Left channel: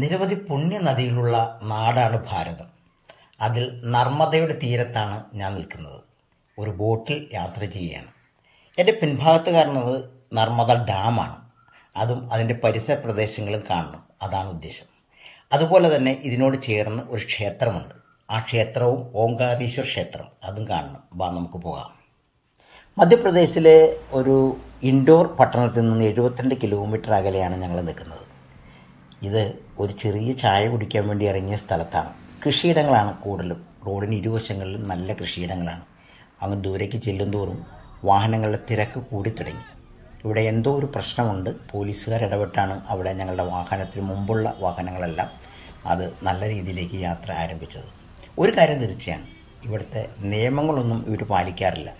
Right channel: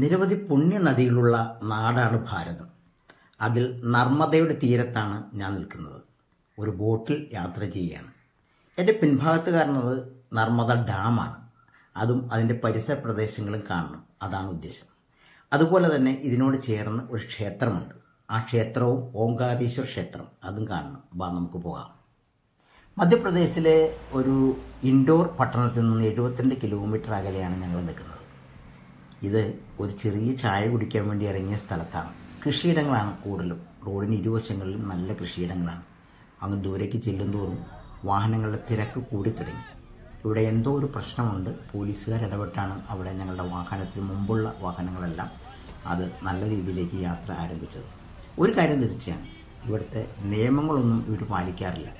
നിരവധി പുണ്യനദികളുള്ള നാടാണ് ഭാരതം. അതിൽ നർമ്മദയുടെ തീരത്താണ് ഞാൻ നിൽക്കുന്നത്. ഒരു ബോട്ടിൽ യാത്ര ചെയ്യുകയാണ്. എൻ്റെ പിൻഭാഗത്ത് കാണുന്നത് നർമ്മദ ഡാമാണ്. അതും അതിൻ്റെ പരിസര പ്രദേശങ്ങളും കാണണം, അതാണ് ഉദ്ദേശം. അതുപോലെ തന്നെ ഇതിനോട് ചേർന്ന് ഒരു ക്ഷേത്രമുണ്ട്. ആ ക്ഷേത്രവും ഓംകാരേശ്വർ ക്ഷേത്രം, അതും കാണണം. നമുക്ക് പോകാം. മധ്യപ്രദേശിലെ ഒരു ഇൻഡോർ പട്ടണത്തിൽ നിന്ന് 72 കിലോമീറ്റർ അകലെയാണ് ഞങ്ങൾ നിൽക്കുന്നത്. ഇത് ഒരു ചെറിയ ചായ കുടിക്കാൻ വേണ്ടി ഇറങ്ങിയ സ്ഥലത്താണ്. കൃഷിയിടങ്ങളാണ് കൂടുതലും. റോഡിന് ഇരുവശങ്ങളിലും നല്ല കൃഷിയിടങ്ങളാണ്. അങ്ങ് ദൂരേക്ക് ചെല്ലുന്തോറും വാഹനങ്ങളുടെ തിരക്ക് കൂടി തുടങ്ങി. ഇവിടെ എന്തോ ഒരു പ്രശ്നമുണ്ട്. പോലീസുകാർ ഇടപെട്ടാണ് അവിടെ ഞങ്ങളുടെ വാഹനത്തിന് മുമ്പുള്ള വാഹനങ്ങളെല്ലാം അത് നല്ല രീതിയിലേക്ക് യാത്ര ആരംഭിച്ചത്. ഒരു കാര്യം തീർച്ചയാണ്, ഇവിടുത്തെ നിയമങ്ങളൊന്നും ഇവർ പാലിക്കാറില്ല.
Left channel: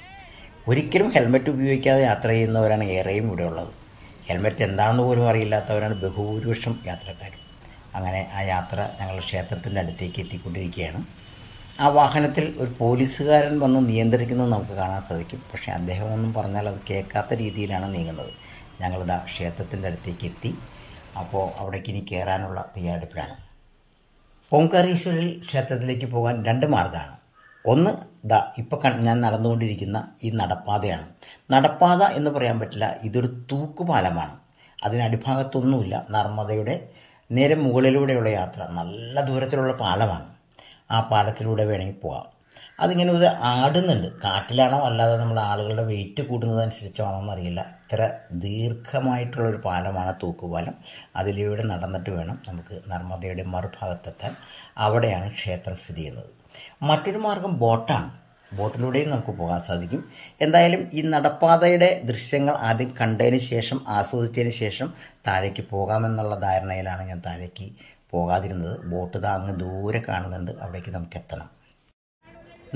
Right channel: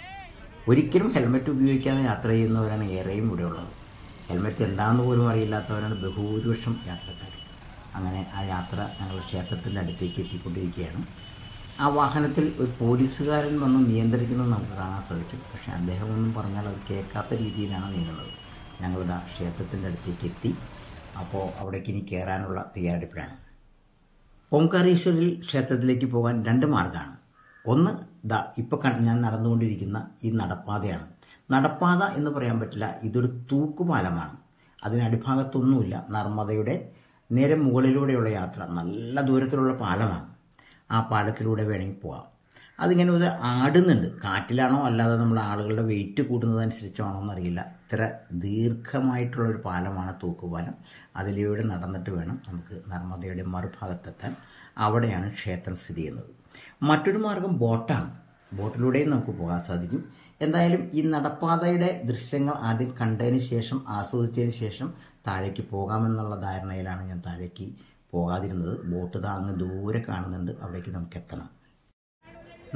ഒരിക്കലും ഹെൽമറ്റ് ഉപയോഗിക്കാതെ യാത്ര ചെയ്യുന്നവരാണ് ഏറെയും ഇവിടെ ഉള്ളത്. ഹെൽമറ്റ് എന്താണെന്ന് പോലും അറിയില്ലാത്തവരാണ് ബഹുഭൂരിപക്ഷം യാത്രക്കാരും. അങ്ങനെ ആ യാത്ര ഞങ്ങൾ ക്ഷേത്രത്തിൻ്റെ അടുത്തേക്ക് എത്തിക്കൊണ്ടിരിക്കുകയാണ്. ആ വാഹനത്തിൽ ഒരു പോലീസുകാരൻ വന്ന് നിയന്ത്രിക്കുന്നത് നമുക്ക് കാണാൻ സാധിക്കും. പക്ഷേ അദ്ദേഹം ഒന്നും പറഞ്ഞാൽ അത് കേൾക്കാത്ത രീതിയിലാണ് നീങ്ങുന്നത്. ഞങ്ങളിതാ ക്ഷേത്രത്തിൻ്റെ അടുത്തേക്ക് എത്തി. അപ്പോൾ അവിടേക്ക് ഇനി കയറാനുള്ള തയ്യാറെടുപ്പിലാണ്. ഓംകാരേശ്വരിൽ ക്ഷേത്രത്തിലേക്ക് പോകാൻ 2 മാർഗ്ഗമാണ്. ഒന്ന് ഇപ്പോൾ ഞാൻ നടന്നുകൊണ്ടിരിക്കുന്ന ഈ നടപ്പാതയാണ്. നടപ്പാത എന്ന് പറയാൻ പറ്റില്ല, ഇതൊരു തൂക്കുപാലമാണ്. അതിനടിഭാഗത്തൊന്നുമില്ല. നർമ്മദയുടെ നേരെ മുകളിലൂടെയുള്ള യാത്ര, നല്ല ദൂരത്തിലുള്ള പാലമാണ്. ആ പാലത്തിലൂടെ വേണമെങ്കിൽ പോകാം. അതിങ്ങനെ ഒരു ആടുന്നുണ്ട്. കാറ്റിലാണോ അല്ലാതെ നമ്മുടെ ആളുകളുടെ വെയിറ്റ് കൂടുന്നതനുസരിച്ചാണോ എന്നറിയില്ല. ഇത്ര ദീർഘമായിട്ടുള്ളൊരു പാലമാണ് തൂക്കുപാലം. അതിലൂടെ നടന്നിട്ട് വേണം നമുക്ക് നർമ്മദയുടെ മറുഭാഗത്തെത്താൻ. അവിടെയാണ് ക്ഷേത്രം സ്ഥിതി ചെയ്യുന്നത്. മറ്റൊരു മാർഗം ബോട്ടാണ്. ബോട്ടിലൂടെയും നമുക്ക് പോകാൻ സാധിക്കും. എന്തായാലും ഈ നടപ്പാതയുടെ ദൃശ്യങ്ങൾ ആദ്യം കണ്ടതിന് ശേഷം, ആസ്വദിച്ചതിന് ശേഷം താഴേക്ക് പോകാമെന്നുള്ള ധാരണയിലാണ് ഞാൻ താഴേക്ക് പോകാതിരുന്നത്. ബോട്ട് അങ്ങ് ദൂരെ കാണുന്നുണ്ട്, അവിടേക്ക് നമുക്ക് എത്തണം.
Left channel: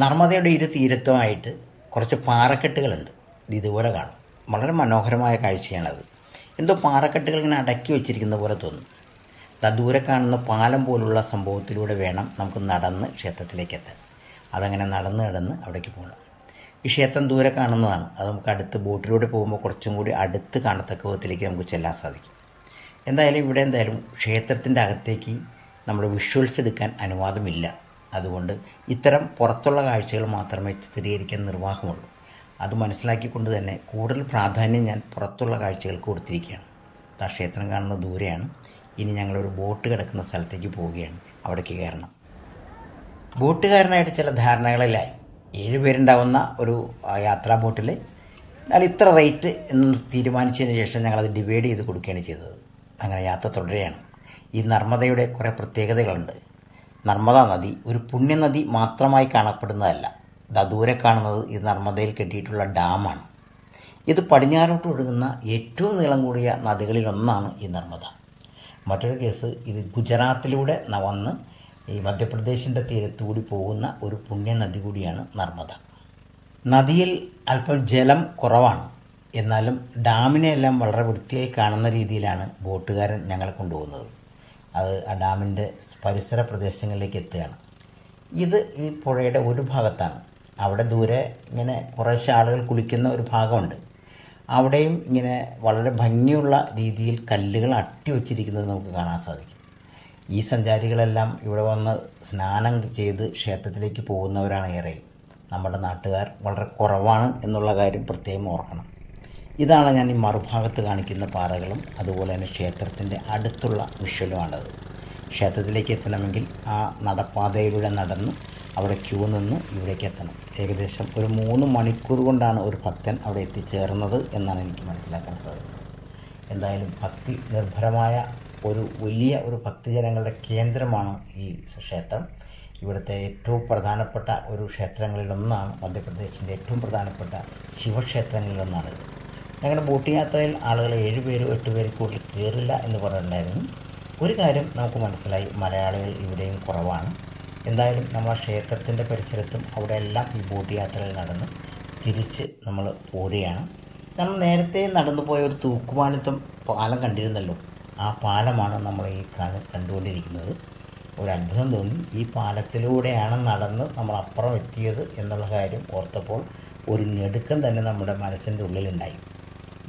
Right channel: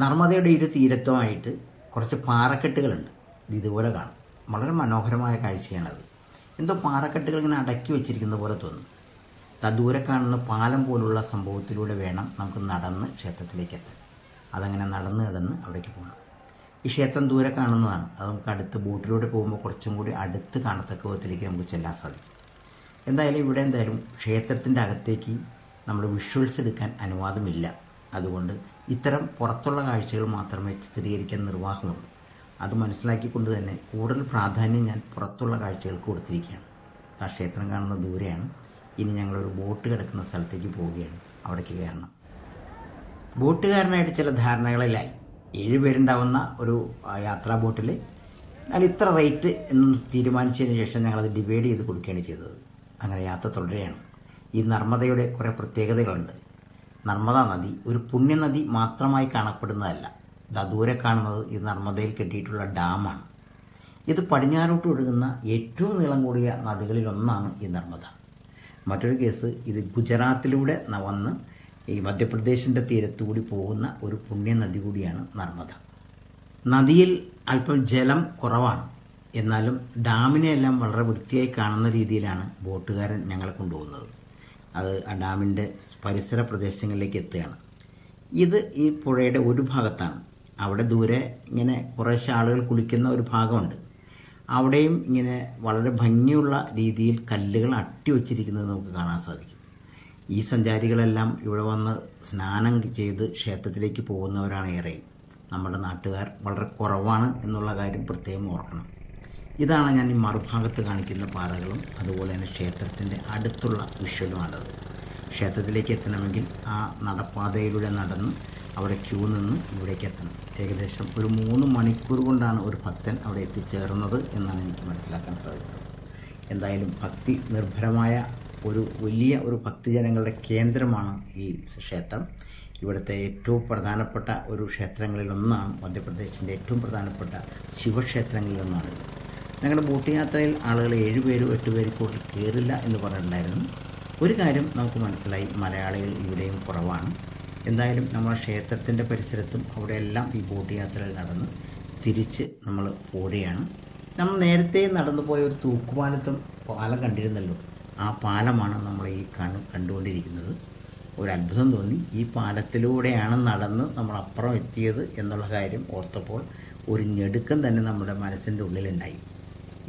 നർമ്മദയുടെ ഇരു തീരത്തുമായിട്ട് കുറച്ച് പാറക്കെട്ടുകളുണ്ട്. ഇതുപോലെ കാണും. വളരെ മനോഹരമായ കാഴ്ചയാണത്. എന്തോ പാറക്കെട്ടുകൾ ഇങ്ങനെ അടക്കി വെച്ചിരിക്കുന്ന പോലെ തോന്നും. ദൂരെ കാണുന്ന പാലം പോലുള്ള സംഭവത്തിലൂടെ വേണം നമുക്ക് നടന്ന് ക്ഷേത്രത്തിലേക്ക് എത്താൻ. അതങ്ങനെ നടന്ന് അവിടേക്ക് പോകണം. ഈ ക്ഷേത്രം ദൂരെ കാണുന്നതാണ്. അത് നമുക്ക് അടുത്ത് ബോട്ടിലൂടെ പോകുമ്പോൾ കുറച്ചും കൂടി അടുത്ത് കാണത്തക്ക വിധത്തിലേക്ക് നമുക്ക് ചെല്ലാൻ സാധിക്കും. എന്തായാലും ക്ഷേത്രത്തിൻ്റെ അകത്തേക്ക് നമ്മൾ വിഷ്വൽസ് എടുക്കാൻ അനുവാദമില്ല. അതുകൊണ്ട് ഇത്തരം പുറത്തുള്ള കാഴ്ചകൾ മാത്രമേ ചിത്രീകരിക്കാൻ നിർവാഹമുള്ളൂ. അത് മനസ്സിലാക്കിക്കൊണ്ട് തന്നെ കൂടുതൽ പ്രാധാന്യം ഞാൻ പുറത്തുള്ള കാഴ്ചകൾക്ക് കൊടുത്തിരിക്കുകയാണ്. ആ ക്ഷേത്രം കാണുന്ന ദൂരെയാണ്. ഇനി ഞങ്ങളൊരു ബോട്ട് കിടക്കുന്ന സ്ഥലത്തേക്ക് പോവുകയാണ്. അവിടേക്ക് കയറണം. ബോട്ടുകാരനായിട്ട് ചില ധാരണകളിലായി. 7 പേരുണ്ടാവുന്ന ഒരു യാത്രാ ബോട്ടിൽ എന്നാൽ ഇത്ര റേറ്റ് എന്ന് തീരുമാനിച്ചതിന് ശേഷം ഞങ്ങളത് ഡിവൈഡ് ചെയ്ത് കൊടുക്കുകയാണ് ചെയ്തത്. അങ്ങനെ യാത്ര തുടരുകയാണ്. ഈ നർമ്മദയുടെ കുറേ പ്രത്യേകതകളുണ്ട്. നർമ്മദ നദി ഒരു പുണ്യനദി മാത്രമായി കാണപ്പെടുന്നതല്ല. ദൂരെ കാണുന്നത് ഈ നർമ്മദയിൽ കെട്ടിയിട്ടുള്ള ഡാമാണ്. ഇത് പടിഞ്ഞാറോട്ട് ഒഴുകുന്ന ഏറ്റവും നീളം കൂടിയ നദികളിലൊന്നാണ് ഈ നർമ്മദ. മറ്റൊരു കേസ്, ഇത് ഗുജറാത്തിലൂടെ വന്ന് ഈ മധ്യപ്രദേശിൻ്റെ തീരത്തുകൂടി പോകുന്ന ഒരു പുണ്യനദി കൂടിയാണ് നർമ്മദ. നദിയിൽ അല്പം ജലം കുറവാണ്. എന്നാലും ഡാമിനെയെല്ലാം വളരെ വൃത്തിയായി കാണുന്ന രീതിയിലാണ് ബോട്ടുകാരൻ ഞങ്ങളെ കൊണ്ടുപോകുന്നത്. അത് ആ ഡാമിൻ്റെ പരിസര പ്രദേശങ്ങളിലേക്ക് എത്തുകയാണ്. ഇത് ഈ പുഴയുടെ ഒരു ഭാഗത്താണ്. അവിടെ ദൂരെ ഇങ്ങനെ കുറേശ്ശെ ആളുകൾ കുളിക്കുന്ന ഒരു ഭാഗമുണ്ട്. അവിടെയും ഇങ്ങനെ വളരെ ഭംഗിയുള്ള രീതിയിൽ കല്ലുകൾ അട്ടിവെച്ചിരിക്കുന്നത് നമുക്ക് കാണാൻ സാധിക്കും. ഈ സഞ്ചാരികളെല്ലാം ഇവിടെ വന്ന് സ്നാനം ചെയ്ത് ക്ഷേത്രത്തിലേക്ക് പോകുന്നവരാണ് ഏറെയും. നമ്മുടെ നാട്ടുകാർ വളരെ കുറവാണ് എന്നുള്ള കാര്യം പ്രത്യേകം ഓർക്കണം. ഇതാണ് ഞാൻ ഈ മറുഭാഗത്ത് കാണിക്കുന്ന പാറകളും അതുപോലെ തന്നെ ക്ഷേത്രത്തിൻ്റെ അടുത്തുള്ള വിഷ്വലുമാണത്. ക്ഷേത്രത്തിലേക്ക് എത്തണമെങ്കിൽ ആ നടപ്പാതയിലൂടെ നടന്ന് അവിടെ ക്യൂ നിന്ന് ഇവിടേക്ക് എത്തണം. ഏകദേശം ഒരു 3 മണിക്കൂർ കൊണ്ടാണ് ഒരു ഭക്തൻ അവിടെ എത്തിച്ചേർന്നത് എന്നാണ് എനിക്ക് മനസ്സിലാക്കാൻ സാധിച്ചത്. എന്തായാലും ഭക്തി നിർഭരമായ ഒരു വലിയ ഒരു ഭക്തജനങ്ങളുടെ കേന്ദ്രമാണ് ഈ ക്ഷേത്രം. ഇവിടുത്തെ ഏറ്റവും പ്രധാനപ്പെട്ട ഒരു ക്ഷേത്രങ്ങളിലൊന്നാണ്. മധ്യപ്രദേശിൻ്റെ ഏറ്റവും പ്രധാനപ്പെട്ട ശിവക്ഷേത്രങ്ങളിലൊന്നാണിത്. ഞങ്ങളുടെ ബോട്ട് യാത്രയിൽ ആളുകൾ 7 പേരോ 8 പേര് കൂടുതൽ കയറില്ല എന്ന് പറഞ്ഞിട്ടുണ്ടായിരുന്നു. ഒരു കാര്യം നമുക്ക് മനസ്സിലായി, മലയാളികൾ ഇവിടെയും കുറവാണ്. എന്തായാലും നമ്മൾ ക്ഷേത്രത്തിൻ്റെ പരിസരത്തും അവിടെയെല്ലാം ഈ ബോട്ട് യാത്രയിൽ നടന്ന് തിരിച്ച് നമ്മൾ പോരുകയാണ്. നമ്മൾ നേരത്തെ നടന്നു പോയ ഒരു പാലം കണ്ടിരുന്നല്ലോ. ആ പാലമാണ് നമ്മൾ ഈ കണ്ടുകൊണ്ടിരിക്കുന്നത്. ഒരു അത്ഭുതം തോന്നി. ഈ പാലത്തിലൂടെയാണ് നടന്ന് നമ്മൾ അപ്പുറം എത്തിയത് എന്നുള്ള കാര്യം ഓർത്തപ്പോൾ ഒരു ഞെടുക്കം തന്നെ നമ്മുടെ മനസ്സിൻ്റെ ഉള്ളിലുണ്ടായി.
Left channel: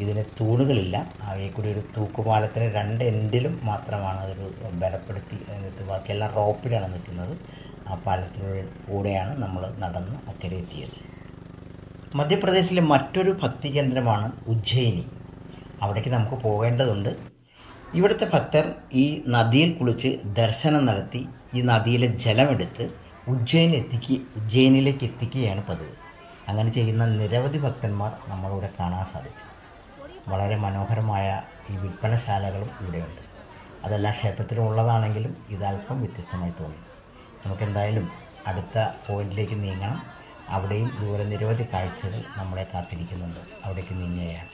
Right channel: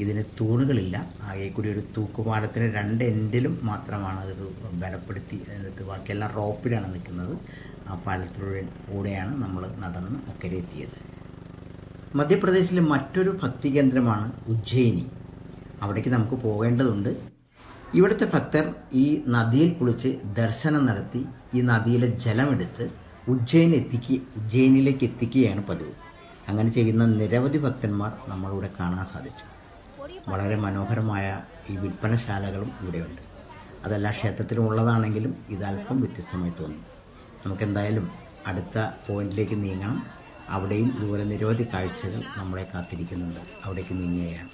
ഇതിന് തൂണുകളില്ല. ആകെ കൂടി ഒരു തൂക്കുപാലത്തിന് 2 എൻഡിലും മാത്രമാണ് അതൊരു ബലപ്പെടുത്തി അതിനകത്ത്, ബാക്കിയെല്ലാം റോപ്പിലാണ് നിൽക്കുന്നത്. ആ പാലത്തിലൂടെയാണ് നമ്മൾ നടന്ന് അക്കരെ എത്തിയത്. മധ്യപ്രദേശിലെ മറ്റൊരു ഭക്തി കേന്ദ്രമാണ് ഉജ്ജയിനി. അവിടേക്ക് നമുക്ക് പോകേണ്ടതുണ്ട്. ഇവിടുത്തെ ഭക്തർ ഈ നദിയിൽ കുളിച്ച് ദർശനം നടത്തി ഈ നദിയിലെ ജലമെടുത്ത് ഉജ്ജയിനിലേക്ക് എത്തിക്കുകയാണ് പതിവ്. അങ്ങനെ ചെയ്യുന്ന നിരവധി ഭക്തന്മാർ നമ്മളിവിടെ കാണാൻ സാധിച്ചു. വളരെ മനോഹരമായ ഈ വിൽപ്പനശാലകളും ഇവിടെയുണ്ട്. അതെല്ലാം ക്ഷേത്രത്തിലുള്ളതാണെങ്കിലും ഇതല്പം വ്യത്യസ്തമായി തോന്നി. നമുക്കെന്തായാലും അടുത്ത പോയിന്റിലേക്ക് നീങ്ങണം. അവിടെയും ഇതുപോലെ നിരവധി കാഴ്ചകൾ നമ്മളെ കാത്തിരിക്കുന്നുണ്ട്. അവിടേക്ക് നീങ്ങുകയാണ്.